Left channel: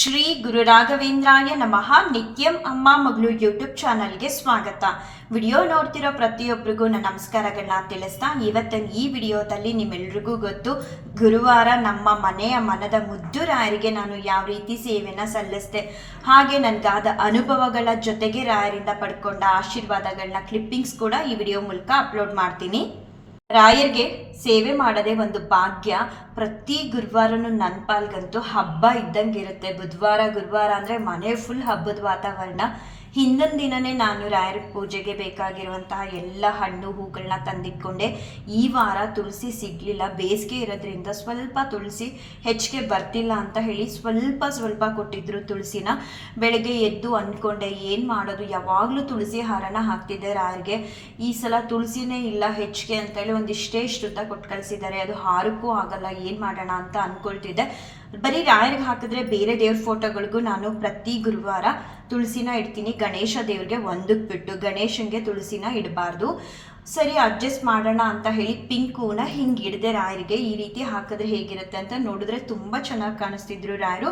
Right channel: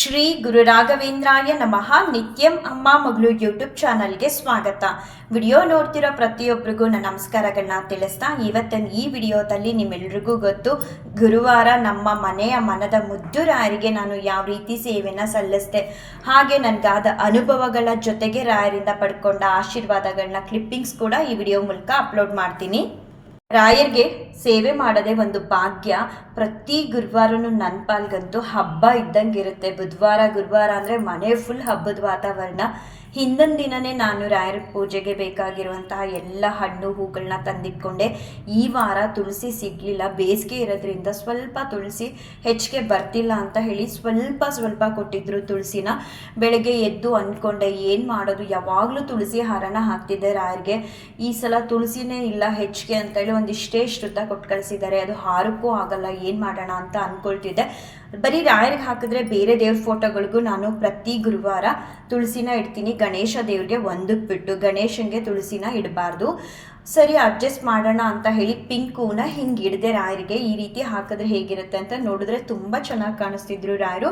ಶ್ರೀ ಗುರು ರಾಘವೇಂದ್ರಾಯ ನಮಃ. ನಿತ್ಯಂ ಅಮ್ಮ ಮಗಳು ಯೂಟ್ಯೂಬ್ ಚಾನಲ್ಗೆ ಸ್ವಾಗತ. ವಿಡಿಯೋ ನೋಡ್ತಿರೋ ಪ್ರತಿಯೊಬ್ಬರಿಗೂ ನನ್ನ ನಮಸ್ಕಾರಗಳನ್ನ ತಿಳಿಸ್ತಾ ಇವತ್ತಿನ ಈ ವಿಡಿಯೋದಲ್ಲಿ ನಿಮ್ಮೆಲ್ರಿಗೂ ಗೊತ್ತು, ಗುರುವಾರ ನಮ್ಮ ಮನೆಯ ಮನದ ಮುದ್ದು ರಾಯರಿಗೆ ನಾನು ಯಾವ ರೀತಿ ಸೇವೆಯನ್ನು ಸಲ್ಲಿಸಿದೆ, ಹಾಗೆ ನನಗಾದ ಅನುಭವಗಳ ಜೊತೆಗೆ ರಾಯರಿಂದ ಪಡ್ಕೊಂಡ ಆಶೀರ್ವಾದಗಳನ್ನ ಕ್ಲಿಪ್ಪಿಂಗ್ಸ್ ಕೂಡ ಈ ವಿಡಿಯೋ ಮೂಲಕ ಅಪ್ಲೋಡ್ ಮಾಡ್ತೀನಿ. ರಾಯರ್ಗೆ ಸೇವೆ ಮಾಡದೆ ಒಂದು ಭಾಗ್ಯ ಪ್ರತಿ ಗುರುವಾರನೂ ನನ್ನ ಪಾಲ್ಗಂತೂ ಹಬ್ಬ ಇದ್ದಂಗೆ ಇರುತ್ತೆ. ಬುಧವಾರ, ಗುರುವಾರ ಅಂದರೆ ಮನೆ ಫುಲ್ ಹಬ್ಬದ ವಾತಾವರಣ. ಹಿಂದಿನ ದಿನನೇ ನಾನು ರಾಯರ ಪೂಜೆಗೆ ಬೇಕಾಗಿರುವಂತಹ ಎಲ್ಲ ಹಣ್ಣು ಹೂಗಳನ್ನ ತಂದಿಟ್ಕೊಂಡೆ. ಈ ವಾರ ತುಳಸಿ ಸಿಗಲಿಲ್ಲ. ಬೇಸಿಗೆ ಇರೋದ್ರಿಂದ ಸ್ವಲ್ಪ ತುಳಸಿ ಹೆಚ್ಚಿಗೆ ಬರ್ತಿಲ್ಲ ಅಂತ ಹೇಳಿ ಸ್ವಲ್ಪ ಸ್ವಲ್ಪ ಕೊಟ್ಟಿದ್ರು ತುಳಸಿನ. ಬೆಳಗ್ಗೆ ಎದ್ದು ಅಂದ್ಕೊಂಡೆ, ಏನು ಮಾಡೋದು? ಯಾವಾಗಲೂ ತುಳಸಿ ಹಾರನ ಹಾಕ್ತಿದ್ದೆ ರಾಯರಿಗೆ. ಈ ಸಲ ತುಳಸಿನೇ ಇಲ್ಲ ಹೆಚ್ಚಿಗೆ ಅಂತ ಹೇಳಿ ಒಂದಿಷ್ಟೇ ಶ್ರುತ ಕೊಟ್ಟು ಕಳಿಸಿದ್ದಾರೆ ಅದು ಹಾರಕ್ಕೂ ಆಗಲ್ಲ, ಏನು ಮಾಡೋಣ ಅಂತ ಅಂದ್ಕೊಳ್ತಿದ್ದೆ ಬರೀ ರಾಯರಿಗೆ ಹಾಕಿದ್ರೆ ಬೇರೆ ದೇವ್ರ ಫೋಟೋಗಳಿಗೂ ನಾನು ಪ್ರತಿ ಗುರುವಾರ ತುಳಸಿನ ಇಡ್ತೀನಿ. ಗಣೇಶ ದೇವ್ರಿಗೆ ಒಂದಕ್ಕೆ ಬಿಟ್ಟು ಗಣೇಶನಿಗೆ ತುಳಸಿನ ಇಡಬಾರ್ದು. ಸರಿ ಅಡ್ಜಸ್ಟ್ ಮಾಡೋಣ ಅಂತ ಹೇಳಿ ಪಿಂಕ್ ಹೂನ ಹಿಂಗೆ ಹಿಡಿದೆ ರಾಯರಿಗೆ ಈ ರೀತಿ ಹಾಕಿದ್ರೆ ಹೇಗಿರುತ್ತೆ ಅಂತ ನೋಡಿದ್ರೆ ತುಂಬ ಚೆನ್ನಾಗಿ ಕಾಣಿಸ್ತಿದ್ರು ರಾಯರು.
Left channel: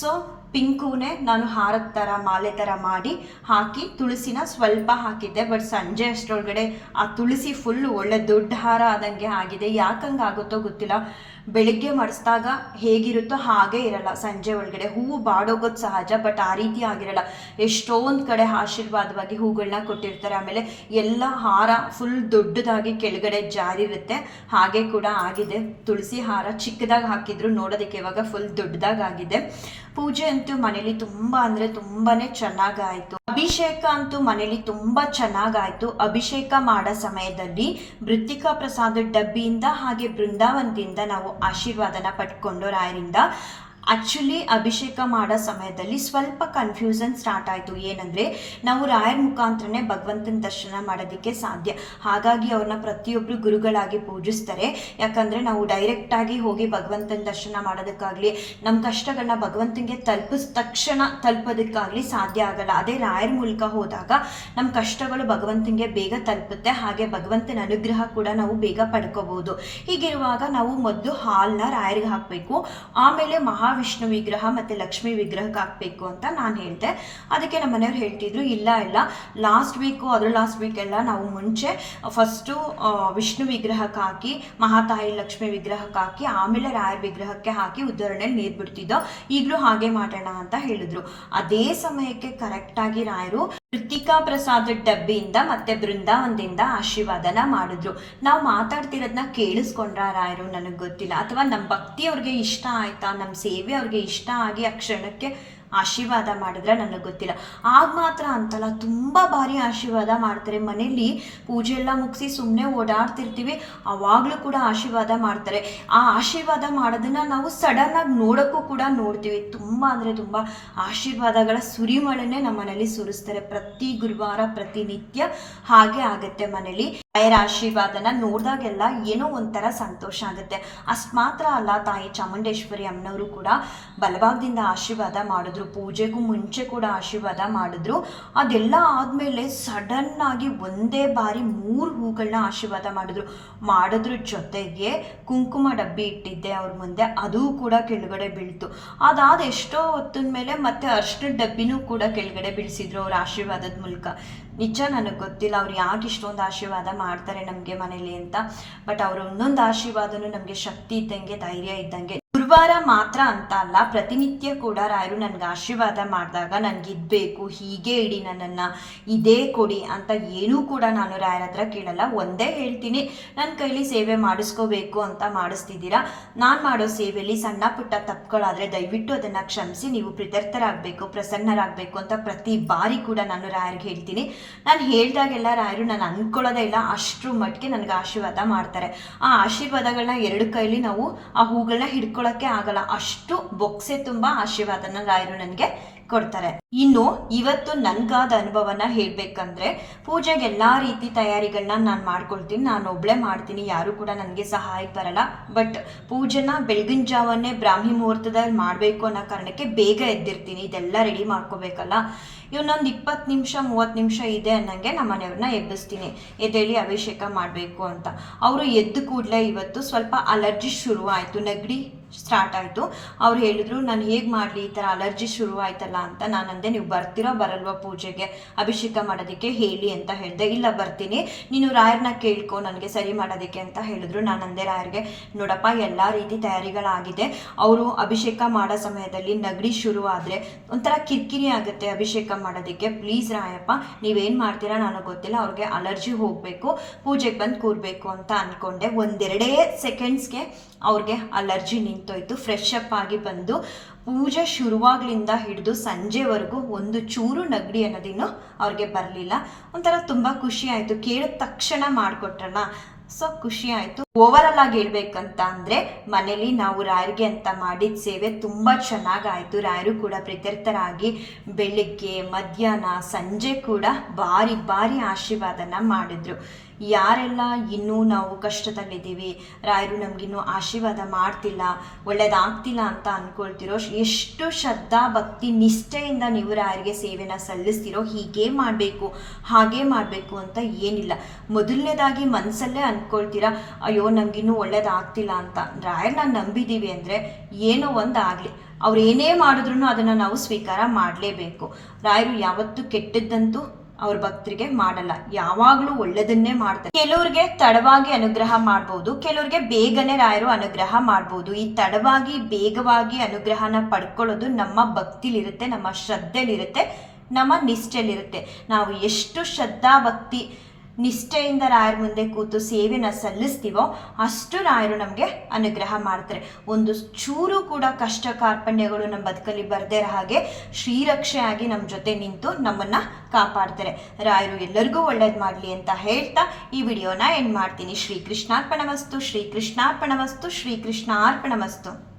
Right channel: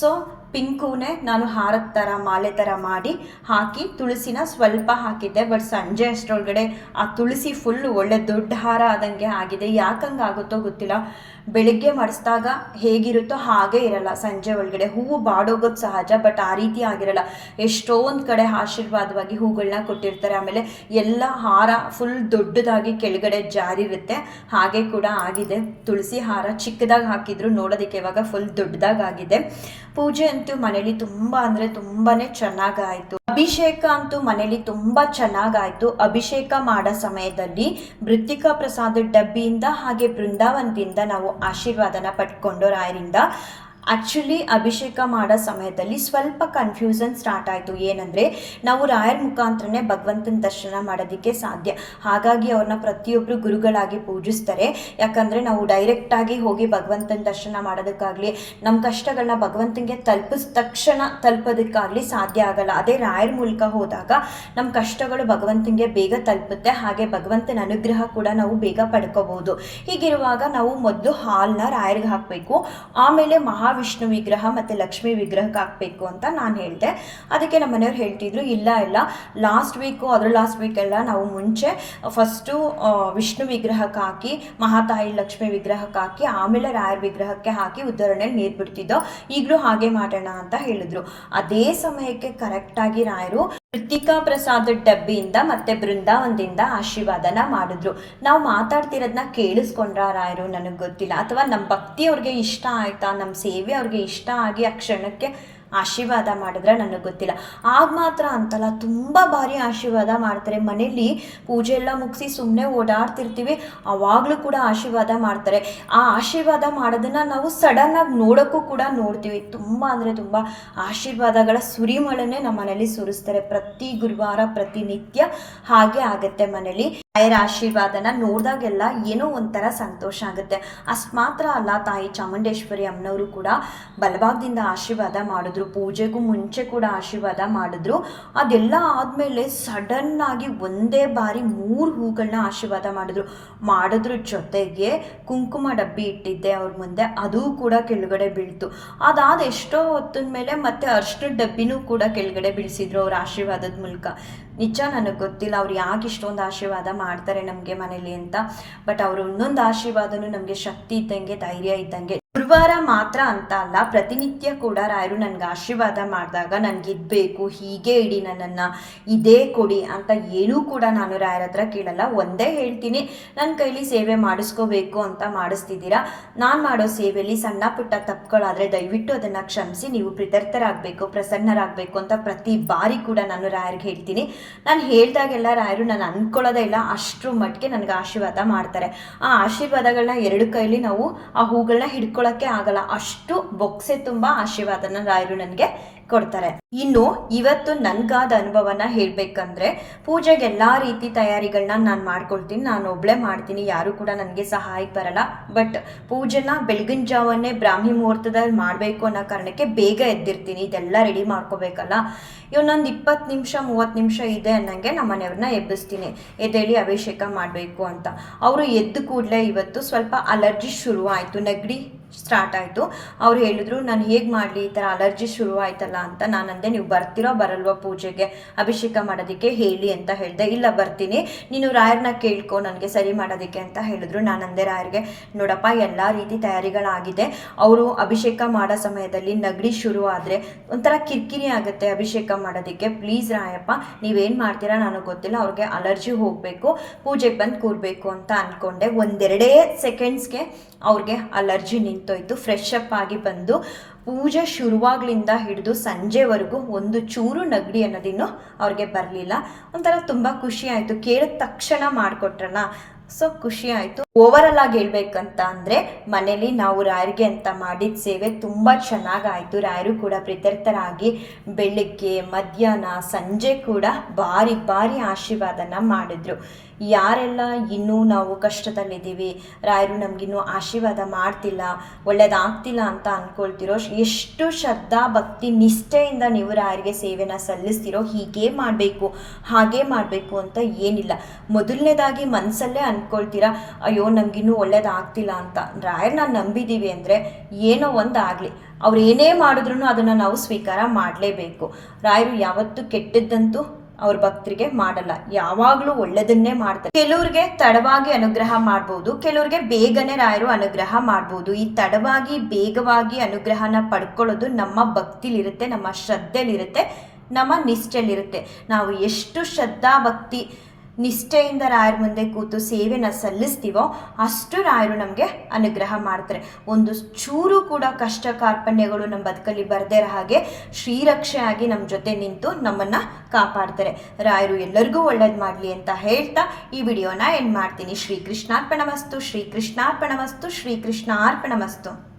ಸೊ ಪಿಂಕ್ ಹೂನೇ ನಾನು ಹಾರದ ಥರ ಮಾಲೆ ಥರ ಮಾಡಿ ಹಾಕಿ ತುಳಸಿನ ಸ್ವಲ್ಪ ಹಾಕಿದ್ದೆ. ಬಟ್ ಸಂಜೆ ಅಷ್ಟರೊಳಗಡೆ ಆ ತುಳಸಿ ಫುಲ್ ಒಳ್ಳೆ ದೊಡ್ಡ ಹಾರ ಆದಂಗೆ ಆಗಿದೆ. ಯಾಕಂಗೆ ಆಗುತ್ತೋ ಗೊತ್ತಿಲ್ಲ. ಬೆಳಿಗ್ಗೆ ಮಡಿಸಿದಾಗ ಹೇಗಿರುತ್ತೋ ಹಾಗೇ ಇರಲ್ಲ. ಸಂಜೆ ಒಳಗಡೆ ಹೂವು ಬಾಡೋಗೋದು ಸಹಜ ಬಟ್ ಆ ರೀತಿ ಆಗಿರಲ್ಲ. ಎಷ್ಟೊಂದು ಕಡೆ ಆಶೀರ್ವಾದವಾಗಿ ಹೂಗಳನ್ನ ಕೊಟ್ಟಿರ್ತಾರೆ. ಆಮೇಲೆ ಎಲ್ಲ ಹಾರ ಫುಲ್ ದೊಡ್ಡದಾಗಿ ಕೆಳಗಡೆ ಜಾರಿರುತ್ತೆ. ಹಾಗೆ ಕೂಡ ಆಗಿದೆ. ತುಳಸಿ ಹಾರ ಚಿಕ್ಕದಾಗಿ ಹಾಕಿದ್ರು ನೋಡೋದಕ್ಕೆ ಇವಾಗ ಫುಲ್ ದೊಡ್ಡದಾಗಿ ಆಗಿದೆ. ಪೂಜೆ ಅಂತೂ ಮನೇಲಿ ತುಂಬ ಅಂದರೆ ತುಂಬಾ ಚೆನ್ನಾಗಾಯಿತು ಅಭಿಷೇಕ ಅಂತೂ ಮನೇಲಿ ತುಂಬ ಚೆನ್ನಾಗಾಯಿತು ಅಭಿಷೇಕ ಮಾಡೋ ಸಮಯದಲ್ಲಿ ಮೃತ್ತಿಕಾ ಪ್ರಸಾದ ಡಬ್ಬಿಯಿಂದ ಹಾಗೆ ಬೃಂದಾವನದಿಂದ ನಾವು ಆಶೀರ್ವಾದನ ಪಡ್ಕೊಂಡು ರಾಯರಿಂದ ಆ್ಯಕ್ಚುಲಿ ಅಭಿಷೇಕ ಮಾಡೋ ಸಮಯದಲ್ಲಿ ಸ್ವಲ್ಪ ಕನ್ಫ್ಯೂಷನ್ ಸ್ಟಾರ್ಟ್ ಆಯಿತು. ಏನಂದರೆ, ನಾವು ರಾಯರ ಮುಖಾಂತರನೇ ಭಗವಂತನ ದರ್ಶನ ಮಾಡೋದಕ್ಕೆ ಸಾಧ್ಯ. ಹಾಗಾಗಿ ಅವ್ರನ್ನ ಪ್ರತಿಯೊಬ್ಬರು ಗುರುಗಳಾಗಿ ಪೂಜಿಸ್ತಾರೆ. ಯಾಕಂದರೆ, ನಾವು ಡೈರೆಕ್ಟಾಗಿ ಹೋಗಿ ಭಗವಂತನ ದರ್ಶನ ಮಾಡೋದಕ್ಕಾಗಲಿ ನಮ್ಮ ಕಷ್ಟಗಳನ್ನ ಭಗವಂತನಿಗೆ ತಲುಪಿಸ್, ತಕ್ಷಣ ತಲುಪೋದಕ್ಕಾಗಲಿ ಸಾಧ್ಯ ಆಗಲ್ಲ. ಅದೇ ರಾಯರ ಮೂಲಕ ಹೋದಾಗ ನಮ್ಮ ಕಷ್ಟಗಳು ಭಗವಂತನಿಗೆ ಬೇಗ ತಲುಪುತ್ತೆ. ಹಾಗೆ ಭಗವಂತನ ಅನುಗ್ರಹ ಕೂಡ ನಾವು ಬೇಗ ಪಡ್ಕೋಬಹುದು. ಹೀಗಿರುವಾಗ ನಾವು ಮೊದಲು ಹಾಲನ್ನ ರಾಯರಿಗೆ ಹಾಕಬೇಕು. ಆಮೇಲೆ ಮಹಾವಿಷ್ಣು ವಿಗ್ರಹ ಮತ್ತು ಲಕ್ಷ್ಮೀ ವಿಗ್ರಹಕ್ಕೆ ಹಾಕಬೇಕು ಅಂತ ನಾನು ಹೇಳಿದೆ. ಅದಕ್ಕೆ ನಮ್ಮ ಮನೆಯವ್ರು ಹೇಳ್ತಿದ್ರು, ಇಲ್ಲ ಇಲ್ಲ. ಲಾಸ್ಟ್ ವೀಕು ಅದರ ಲಾಸ್ಟ್ ವೀಕೆಲ್ಲ ನಾವು ಮುಂಚೆ ಫಸ್ಟು ವಿಷ್ಣು ವಿಗ್ರಹಕ್ಕೆ ಹಾಕಿ, ಮಹಾತಾಯಿ ಲಕ್ಷ್ಮಿ ವಿಗ್ರಹಕ್ಕೆ ಹಾಕಿ, ಆಮೇಲೆ ರಾಯರ ವಿಗ್ರಹಕ್ಕೆ ಹಾಕಿ ಉದಾಹರಣೆಯಲ್ಲಿ ನೀರು ಬಿಡ್ತಿದ್ದೋ, ಈಗಲೂ ಹಾಗೆ ಮಾಡೋಣ ಅಂತ ಹೇಳಿದ್ರು. ಅದೇ ಸಮಯಕ್ಕೆ ಕರೆಕ್ಟಾಗಿ ರಾಯರು ಕೃತಿಕಾ ಪ್ರಸಾದ್ ಡಬ್ಬಿಯಿಂದ ಮತ್ತೆ ಬೃಂದಾವನದಿಂದ ಆಶೀರ್ವಾದನ ಮಾಡಿದ್ರು. ನಾವು ಮಾತಾಡ್ತಿರೋದನ್ನ ಕೇಳಿಸ್ಕೊಂಡ್ರ ರಾಯರು ನನಗೆ ಗೊತ್ತಿಲ್ಲ. ಅಥವಾ ನಮ್ಮ ಭಕ್ತಿ ಅವ್ರಿಗೆ ಇಷ್ಟ ಆಯ್ತಾ? ನಮ್ಮ ಸೇವೆ ಅವ್ರಿಗೆ ಇಷ್ಟ ಆಗಿ ಆ ಕ್ಷಣಕ್ಕೆ ಆಶೀರ್ವಾದ ಮಾಡಿದ್ರೆ ನನಗೆ ಗೊತ್ತಿಲ್ಲ. ಆಗ ಮಾತ್ರ ಅಂತಲ್ಲ, ತುಂಬ ಬಾರಿ ಆಶೀರ್ವಾದ ಮಾಡ್ತಾರೆ. ಮನೇಲಿ ಪೂಜೆ ಎಲ್ಲ ಮುಗಿಸಿ ಸುಮ್ಮನೆ ಓಡಾಡ್ತಿರ್ತೀವಿ, ಅವಾಗಲೂ ಕೂಡ ಆಶೀರ್ವಾದ ಮಾಡ್ತಾರೆ. ಆ ಆಶೀರ್ವಾದ ಮಾಡೋದನ್ನು ನಾವು ಸಡನ್ನಾಗಿ ನೋಡೋಕ್ಕೂ ಕೂಡ ನೋಡ್ತೀವಿ. ತುಂಬ ಅಂದರೆ ತುಂಬ ಆಶೀರ್ವಾದಗಳ ಸುರಿಮಳೆನೇ ನಮ್ಮ ಮನೇಲಿ ಸುರಿಸ್ತಾರೆ. ಪ್ರತಿ ಗುರುವಾರ ಪ್ರತಿನಿತ್ಯ ಹಾಗೆ ಆಗುತ್ತೆ ಮನೇಲಿ. ರಾಯರ ಆಶೀರ್ವಾದನ ನೋಡಿದಾಗೆಲ್ಲ ಏನೋ ಒಂಥರ ಸಂತೋಷ ಆಗುತ್ತೆ. ಅಷ್ಟು ಮಾತ್ರ ಅಲ್ಲ, ತಾಯಿ ಚಾಮುಂಡೇಶ್ವರಿ ಅಮ್ಮನವರು ಕೂಡ ಬಲಭಾಗದಿಂದ ಆಶೀರ್ವಾದ ಮಾಡಿದ್ರು. ಪೂಜೆಗೂ ಮುಂಚೆ ಕೂಡ ಆಶೀರ್ವಾದ ಮಾಡಿದ್ರು. ಅದೆಲ್ಲ ಆದಮೇಲೆ ಸಡನ್ನಾಗಿ ಒಂದೇ ಬಾರಿ ಮೂರು ಹೂಗಳನ್ನ ಆಶೀರ್ವಾದ ಮಾಡಿದ್ರು. ಮಾಡೋದ್ರ ಜೊತೆಗೆ ಕುಂಕುಮ ಡಬ್ಬಿ ಇಟ್ಟಿದ್ದೆ ಅವ್ರ ಮುಂದೆ. ಅದು ಕೂಡ ಕೆಳಗಡೆ ಬೀಳ್ತು. ಅದಾದ ಎಷ್ಟೋ ಹೊತ್ತಿನ ಮೇಲೆ ಮತ್ತೆ ಅರ್ಶಿನ ಡಬ್ಬಿನೂ ಕೂಡ ಕೆಳಗಡೆ ಬೀಳಿಸಿದ್ರು ಅವ್ರ ಆಶೀರ್ವಾದದ ಮೂಲಕ. ನಿಜ ನನಗೆ ಗೊತ್ತಿಲ್ಲ, ಅವ್ರು ಯಾಕೆ ಇಷ್ಟೊಂದು ಆಶೀರ್ವಾದ ಮಾಡ್ತಾರೆ ನಮಗೆ ಮನೇಲಿ ಅಂತ. ಬಟ್ ಅವ್ರ ಒಂದೊಂದು ಆಶೀರ್ವಾದನೂ ನಮಗೆ ಶಕ್ತಿ ಇದ್ದಂಗೆ, ಧೈರ್ಯ ಇದ್ದಂಗೆ ಗುರುವಾರ ಮಾತ್ರ ಅಂತ ಅಲ್ಲ, ಪ್ರತಿನಿತ್ಯ ಕೂಡ ರಾಯರು ನನಗೆ ಆಶೀರ್ವಾದ ಮಾಡಿದಾಗ ನನಗೆ ಇದ್ಬೇಕು ಹೀಗೆ ಇಡಿ ನನ್ನನ್ನು, ಇದೇ ಕೊಡಿ ಅಂತ ಏನೂ ಕೂಡ ನಾನು ರಾಯರ ಹತ್ರ ಕೇಳಲ್ಲ. ಒಂದೇ ಹೇಳ್ತೀನಿ ನನ್ನ ಕೈಲಿ ಸೇವೆ ಮಾಡಿಸ್ಕೋಬೇಕು ಅಂತ ಮಾಡಿಸ್ತಿದ್ದೀರಾ? ನಾನು ಮಾಡೋ ಸೇವೆಯಲ್ಲಿ ಸಣ್ಣ ಪುಟ್ಟ ತಪ್ಪುಗಳಾದರೆ ದಯವಿಟ್ಟು ಅದನ್ನು ಕ್ಷಮಿಸಿ, ನೀವು ಕೃತಾರ್ಥರಾಗಬೇಕು ಪ್ರಸನ್ನರಾಗಬೇಕು ಅಂತ ಪ್ರತಿ ಬಾರಿ ಕೂಡ ನಾನು ರಾಯರಿಗೆ ಹೇಳ್ತೀನಿ. ನಾನು ಹೇಳಿದಾಗೆಲ್ಲ ರಾಯರು ನಾನು ಅಂದ್ಕೊಳ್ಳೋದೇ ಇಲ್ಲ, ಅಷ್ಟರ ಮಟ್ಟಿಗೆ ನನಗೆ ಆಶೀರ್ವಾದ ಮಾಡ್ತಾರೆ. ಆ ಆಶೀರ್ವಾದಗಳನ್ನ ಎರಡು ಕೈಲಿ ನಾವು ಆ ಹೂಗಳನ್ನ ಹಿಡ್ಕೊಳ್ಳೋಕ್ಕೆ ಆಗಲ್ಲ. ಅಷ್ಟು ಬೊಕ್ಸೆ ತುಂಬಾ ಆಶೀರ್ವಾದನ ರಾಯರು ನನಗೆ ಕೊಡ್ತಾರೆ. ಇನ್ನು ಇವತ್ತು ನನಗಾದ ಅನುಭವನ ಹೇಳಬೇಕಂದ್ರೆ, ಪೂಜೆಗೆ ಎಲ್ಲ ರೀತಿ ತಯಾರಿಗಳನ್ನ ನಾನು ಮಾಡ್ಕೊಳ್ತೀನಿ. ನಾನು ಒಬ್ಳೆ ಮಾಡ್ತೀನಿ. ಯಾರು ಕೂಡ ನನಗೆ ಸಹಾಯ ಬರಲ್ಲ. ಬಟ್ ಪೂಜೆನ ಬೆಳಗಿನ ಜಾವನ್ನೇ ಬ್ರಾಹ್ಮಿ ಮುಹೂರ್ತದಲ್ಲಿ ಮಾಡಬೇಕು ಅನ್ನೋ ಕಾರಣಕ್ಕೆ ಬೇಗ ಎದ್ದಿರ್ತೀನಿ. ಇದೆಲ್ಲ ರೆಡಿ ಮಾಡ್ಕೋಬೇಕಲ್ಲ. ಇವನೊಂದು ಇಪ್ಪತ್ತು ನಿಮಿಷ, ಮೂವತ್ತು ನಿಮಿಷ ಇದೆ ಅನ್ನಂಗೆ ನಮ್ಮ ಮನೆಯವ್ರನ್ನ ಎಬ್ಬಿಸ್ತೀನಿ. ಎದ್ದೇಳಿ ಅಭಿಷೇಕ ಮಾಡಬೇಕು ಅಂತ. ಅವರು ಎದ್ದು ಕೂಡಲೇ ಇವತ್ತು ಸ್ವಲ್ಪ ಅಲರ್ಜಿ ಶುರು ಆಯಿತು ನೆಗಡಿ ಸ್ಟಾರ್ಟ್ ಆಯಿತು. ಅವ್ರು ಹೇಳಿದ್ರು, ನಾನು ಹೇಗೆ ಮಾಡಲಿ? ಈ ಥರ ಅಲರ್ಜಿ ಶುರು ಆಯ್ತಲ್ಲ ಅಂತ ನಾನು ಅಂದೆ ನೀವು ಬರ್ತಿರೋ ಬರಲ್ವಾ ಪೂಜೆಗೆ? ಅಭಿಷೇಕ ಮಾಡೋದಕ್ಕೆ ಹೇಳಿ ಅಂತ ಹೇಳಿದೆ. ಇಲ್ಲ, ಬರ್ತೀನಿ. ನೀನು ರಾಯರ್ನ ಕೇಳ್ಕೊ, ನನಗೆ ಸರಿ ಮಾಡೋದಕ್ಕೆ ಅಂತ ಹೇಳಿದ್ರು. ನಾನು ಅಂದೆ ರಾಯರ್ಗೆ, ನೋಡಪ್ಪ, ಎಲ್ಲ ರೀತಿ ತಯಾರಿಗಳಾಗಿದೆ. ಅವರು ಅಭಿಷೇಕ ಮಾಡೋ ಸಮಯದಲ್ಲಿ ನಗಡಿ ಶುರು ಆದರೆ ಒಂಥರ ಕಿರಿಕಿರಿ ಆಗುತ್ತೆ ಅಭಿಷೇಕ ಮಾಡೋದಕ್ಕೆ. ಪ್ಲೀಸ್ ರಾಯಪ್ಪ, ನೀವೇನು ಮಾಡ್ತೀರಾ ನನಗೆ ಗೊತ್ತಿಲ್ಲ. ಅವ್ರಿಗೆ ಅಲರ್ಜಿ ಹೋಗಬೇಕು, ಪೂಜೆಗೆ ಬಂದು ಕೂರಬೇಕು ಅಂತ ಅಂದ್ಕೊಂಡೆ ಒಂದೆರಡೇ ಸೆಕೆಂಡ್ಸ್ಗೆ ಅವ್ರಿಗೆ ಅಲರ್ಜಿ ನಿಂತೋಯ್ತು. ಫ್ರೆಶ್ ಅಪ್ ಆಗಿ ಬಂದು ಪೂಜೆ ಶುರುವಾಗ್ಲಿಂದ ಹಿಡಿದು ಸಂಜೆವರೆಗೂ ಒಂದು ಚೂರು ನಗಡಿ ಅನ್ನೋದಿನ್ನು ಅವ್ರಿಗೆ ಬರಲಿಲ್ಲ. ಒಂಥರ ತುಂಬ ಖುಷಿ ಆಯಿತು. ಕೇಳಿದ ತಕ್ಷಣ ಮಾಡಿಕೊಟ್ರಲ್ಲ. ಸೊ ಖುಷಿ ಆಯಿತು. ಓವರಾಲ್ ಆಗಿ ಹೇಳ್ಬೇಕಂತ ಅಂದರೆ ಮನೇಲಿ ನಾವು ರಾಯರಿಗೆ ಅಂತ ಮಾಡಿದ ಸೇವೆ ತುಂಬ ಚೆನ್ನಾಗಾಯಿತು. ರಾಯರು ಕೂಡ ಪ್ರೀತ್ಯರ್ಥರಾಗಿ ಬೆಳಿಗ್ಗೆ, ಮಧ್ಯಾಹ್ನ, ಸಂಜೆ ಕೂಡ ಬಾರಿ ಭಾರಿ ಆಶೀರ್ವಾದನ ಮಾಡಿದ್ರು. ಯಾರೆಲ್ಲ ಇನ್ನೂ ನಾವು ಕಷ್ಟದಲ್ಲಿದ್ದೀವಿ, ರಾಯರು ನಮಗಿನ್ನೂ ಆಶೀರ್ವಾದ ಮಾಡ್ತಿಲ್ಲ, ಒಳ್ಳೇದಾಗ್ತಿಲ್ಲ ಅಂತ ಅಂದ್ಕೊಳ್ತಿರೋ ಎಷ್ಟು ಶ್ರದ್ಧಾ ಭಕ್ತಿ ನಿಷ್ಠೆಯಿಂದ ನೀವು ರಾಯರಿಗೆ ಸೇವೆನ ಸಲ್ಲಿಸ್ತಿರೋ ಹೀಗೆ ಮಾಡಬೇಕು, ಹಾಗೆ ಮಾಡಬೇಕು ಅಂತ ಏನಿಲ್ಲ. ಮೊದಲನೇದಾಗಿ ಮನಸ್ಸಲ್ಲೇ ಅಂದ್ಕೊಳ್ತೀರಾ ಅಯ್ಯೋ ನಮಗಿನ್ನೂ ಒಳ್ಳೇದಾಗ್ತಿಲ್ಲ ಅಂತ. ರಾಯರನ್ನ ನಂಬಿದ್ದೀವಿ ಅಂದರೆ ಏನೋ ಒಂದು ಆಗಲಿ ಅವ್ರು ಏನೇ ಮಾಡಿದ್ರು ಅದನ್ನು ನಾವು ಸ್ವೀಕಾರ ಮಾಡಲೇಬೇಕು. ರಾಯರು ಯಾವತ್ತೂ ಕೆಟ್ಟದ್ದಂತೂ ಅವ್ರ ಭಕ್ತರಿಗೆ ಮಾಡಲ್ಲ. ಯಾವಾಗಲೂ ಒಳ್ಳೆಯದನ್ನೇ ಮಾಡ್ತಾರೆ. ಕೆಲವ್ರಿಗೆ ತಡವಾಗಿ ಅನುಗ್ರಹ ಮಾಡ್ಬೋದು, ಕೆಲವ್ರಿಗೆ ಬೇಗನೆ ರಾಯರು ಅನುಗ್ರಹ ಮಾಡ್ಬೋದು. ಈ ತಡವಾಗಿ, ಬೇಗವಾಗಿ ಅನುಗ್ರಹನ ಪಡ್ಕೊಳ್ಳೋದು ನಮ್ಮ ಭಕ್ತಿಲಿರುತ್ತೆ, ನಮ್ಮ ಶ್ರದ್ಧೆಲಿರುತ್ತೆ, ನಮ್ಮ ನಿಷ್ಠೆಲಿರುತ್ತೆ. ನಾವು ಎಷ್ಟು ಶ್ರದ್ಧಾ ಭಕ್ತಿ ನಿಷ್ಠೆಯಿಂದ ರಾಯರ ಮುಂದೆ ಕೂತು ಸೇವೆನ ಸಲ್ಲಿಸ್ತೀವೋ ಅಷ್ಟು ರಾಯರು ನಮಗೆ ಅನುಗ್ರಹ ಮಾಡ್ತಾರೆ. ಒಂದು ಚೂರು ಕೂಡ ಕಷ್ಟ ಕಾರ್ಪಣ್ಯಗಳು ನಮ್ಮ ಬದುಕಲ್ಲಿ ಬರದೇ ಇರೋ ಹಾಗೆ ಶ್ರೀರಕ್ಷೆ ಆಗಿ ನಮ್ಮ ಜೊತೆ ನಿಂತು ನಮ್ಮನ್ನು ಕಾಪಾಡ್ತಾರೆ. ರಾಯರು ಎಲ್ಲರಿಗೂ ಒಳ್ಳೇದು ಮಾಡಲಿ ಅಂತ ಹೇಳ್ತಾ ಈ ವಿಡಿಯೋನ ಎಂಡ್ ಮಾಡ್ತೀನಿ. ಶ್ರೀ ಕೃಷ್ಣಾರ್ಪಣವಸ್ತು ಶ್ರೀ ಕೃಷ್ಣಾರ್ಪಣವಸ್ತು ಶ್ರೀ ಶ್ರೀಕೃಷ್ಣಾರ್ಪಣಮಸ್ತು.